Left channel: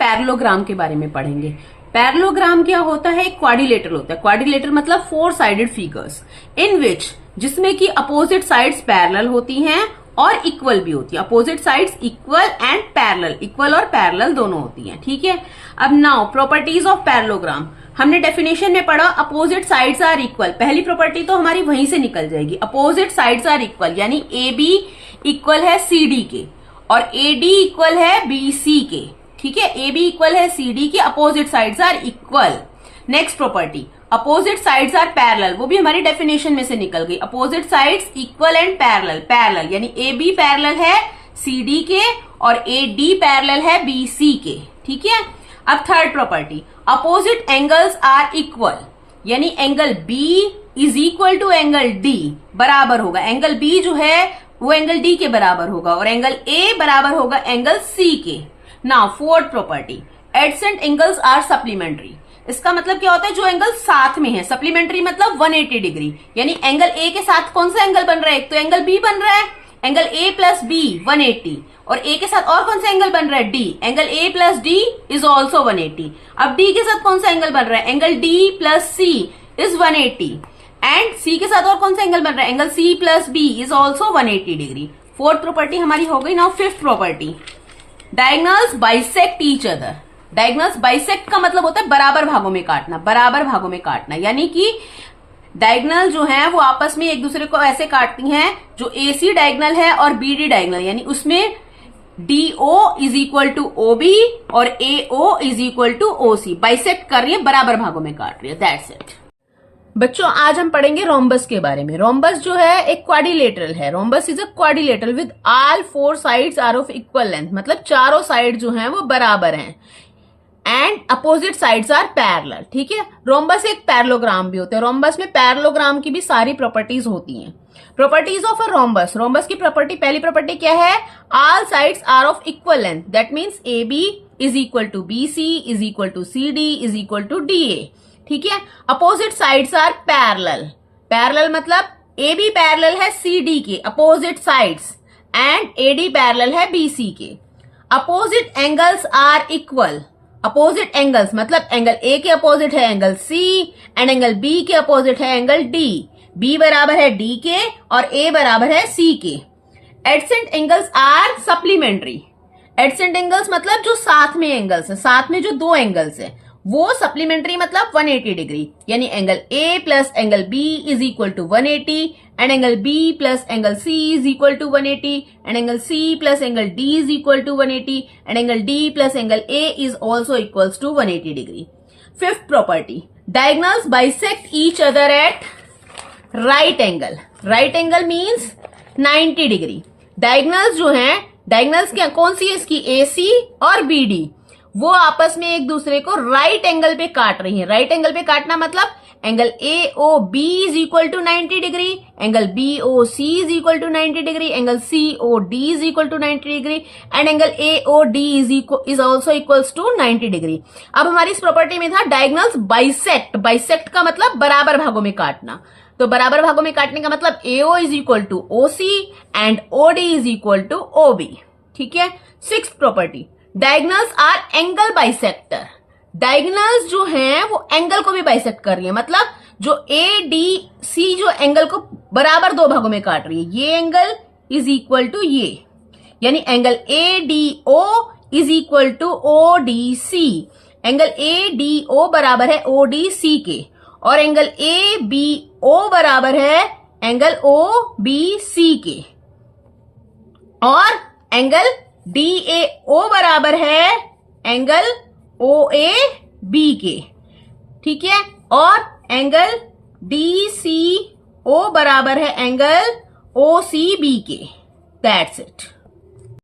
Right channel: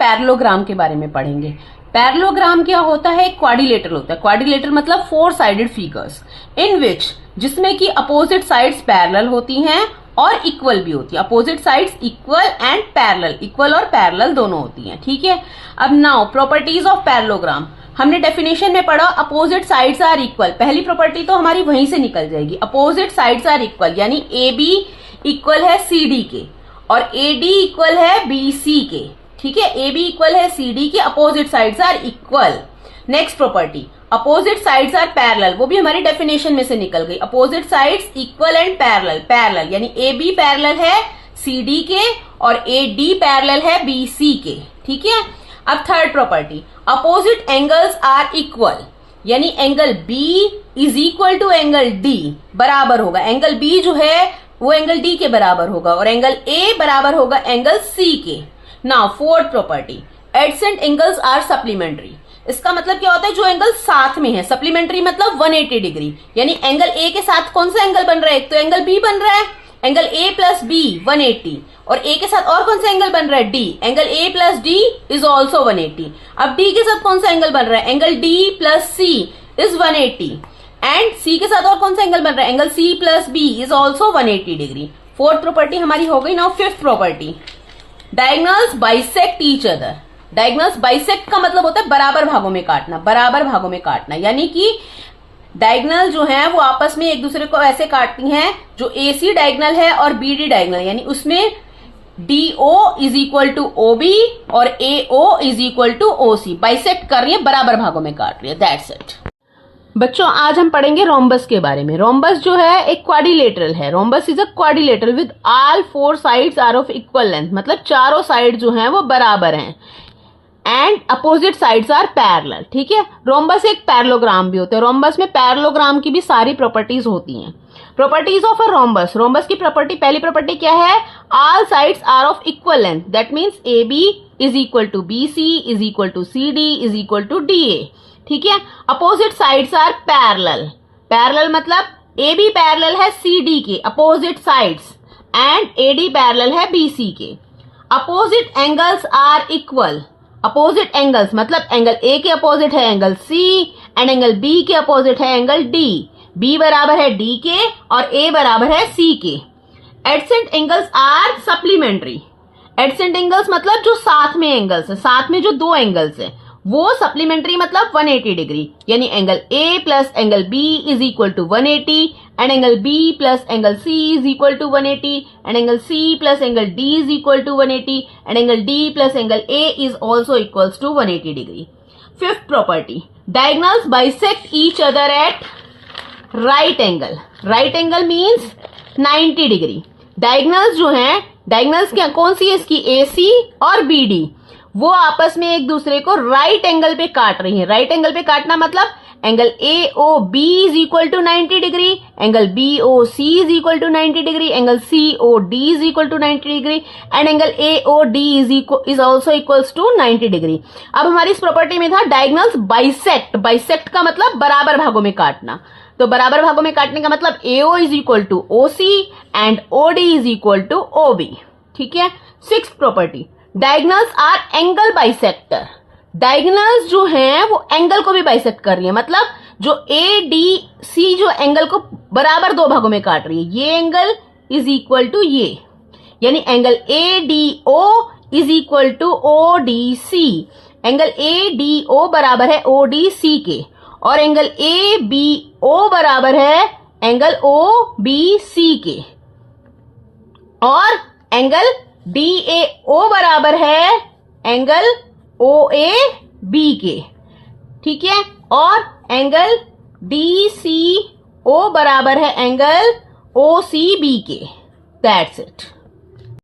Parallelogram के बारे में पढ़ेंगे। पैरेललोग्राम क्या होता है? क्वाड्रिलेटरल होता है। क्वाड्रिलेटरल मतलब 4 साइडेड फिगर्स इन विच, जिसमें कि अपोजिट साइड्स पैरेलल होती हैं और इक्वल भी होती है। Opposite sides equal and parallel, equal और पैरेलल दोनों होती हैं। ठीक है। अब नाउ प्रॉपर्टीज ऑफ पैरेललोग्राम, हमने डेफिनेशन में पढ़ा अपोजिट साइड्स आर इक्वल। पहली प्रॉपर्टी तो हमारी वहीं से निकल जाएगी। अपोजिट साइड्स आर इक्वल यानी ए बी इक्वल है सी डी के और ए डी इक्वल है बी सी के। ठीक है, ए बी इक्वल है सी डी के, opposite sides are equal. Next property opposite sides are parallel, वो भी हमारी डेफिनेशन में से निकल गई। Opposite sides equal and parallel, parallel यानी ए बी पैरेलल है सी डी के और ए डी पैरेलल है बी सी के। ठीक है। अब third property opposite angles are equal यानी angle B is equal to angle D, बराबर होगा। एंगल बी जो है वो एंगल डी के बराबर होगा और एंगल ए बराबर होगा एंगल सी के। Now fourth property adjacent angles are supplementary. इसका मतलब क्या होता है? जो एंगल साथ में है। सप्लीमेंट्री मतलब 180 डिग्री, यानी एंगल ए के साथ कौन सा एंगल बन रहा है? एक तो एंगल बी बन रहा है, एंगल ए प्लस बी 180, और ए के साथ और कौन सा एंगल बन रहा है? D. Angle A plus D is also 180। अब डी के साथ कौन सा एंगल बन रहा है? Angle D plus C is 180 and C के साथ और कौन सा एंगल बन रहा है? Angle C plus B is also 180 degree. Fourth property हमारी हो गई। Now fifth property diagonals bisect each other. Diagonals bisect का मतलब होता है बराबर भागों में काटना, बराबर भागों में काटना, यानी कि डायगोनल जो है वो आपस में एक दूसरे को ऐसे काटती हैं जो AC डायगोनल है और BD डायगोनल, यानी उसमें DO is equal to OB और AO is equal to OC। Bisect कर रही है, बराबर भागों में काट रही है। That's it. बच्चों आज हम पढ़ेंगे रोम्बस के बारे में। रोम्बस जो है एक क्वाड्रिलेटरल है। Rhombus is a quadrilateral with all 4 sides are of equal length, मतलब चारों साइड जो हैं वो बराबर हैं and opposite sides are parallel. ठीक है। रोम्बस एक पैरेललोग्राम भी होता है। रोम्बस में पैरेललोग्राम की भी सारी प्रॉपर्टीज होती हैं। Properties of a rhombus. Rhombus की प्रॉपर्टी, पहली प्रॉपर्टी क्या है? All sides are of equal length, that means A B is equal to B C is equal to C D is equal to D A. ठीक है। Opposite sides are parallel. Parallel मतलब A B parallel है C D के opposite sides and A D parallel है B C के। Opposite angles are equal. Opposite angles मतलब angle A के opposite है angle C and angle B के opposite है एंगल डी। बी बराबर है डी के और ए बराबर है सी के। Adjacent angles are supplementary. Adjacent angles मतलब जो साथ में एंगल्स है, साथ में जो दो एंगल्स है वो सप्लीमेंट्री मतलब 180 डिग्री, यानी angle A plus angle B is equal to 180 and angle B plus angle C is equal to 180 and angle C plus angle D is equal to 180 and angle D plus angle A is also equals to 180 degree. Fifth property diagonals bisect each other at right angle. Right angle means 90 degree. Diagonals जो है, diagonals क्या कौन सी है इसकी? AC और BD, वो आपस में एक दूसरे को राइट एंगल पे काट रही है। राइट एंगल पे काटना मतलब angle AOB is equal to 90 degree, angle BOC is equal to 90 degree, angle COD is equal to 90 degree and angle AOD is also equals to 90 degree. अब हमारी इस प्रॉपर्टी में था डायगोनल्स बाइसेक्ट। बाइसेक्ट का मतलब बराबर भागों में काटना, तो बराबर भागों में काटने का मतलब AO is equal to OC and OD is equal to OB। ठीक है। Sixth property diagonals are angle bisector. Diagonals जो हैं वो एंगल को भी बाइसेक्ट कर रही है, मतलब जो ADC जो एंगल को बराबर दो भागों में काट रही है, ये एंगल इज इक्वल टू ये, यानी angle ADO is equal to ODC। Angle ADO बराबर है ODC के और एंगल ABO बराबर है एंगल OBC के और एंगल DAO बराबर है एंगल OAB के। ठीक है। और एंगल DCO बराबर है एंगल OCB के। That's it.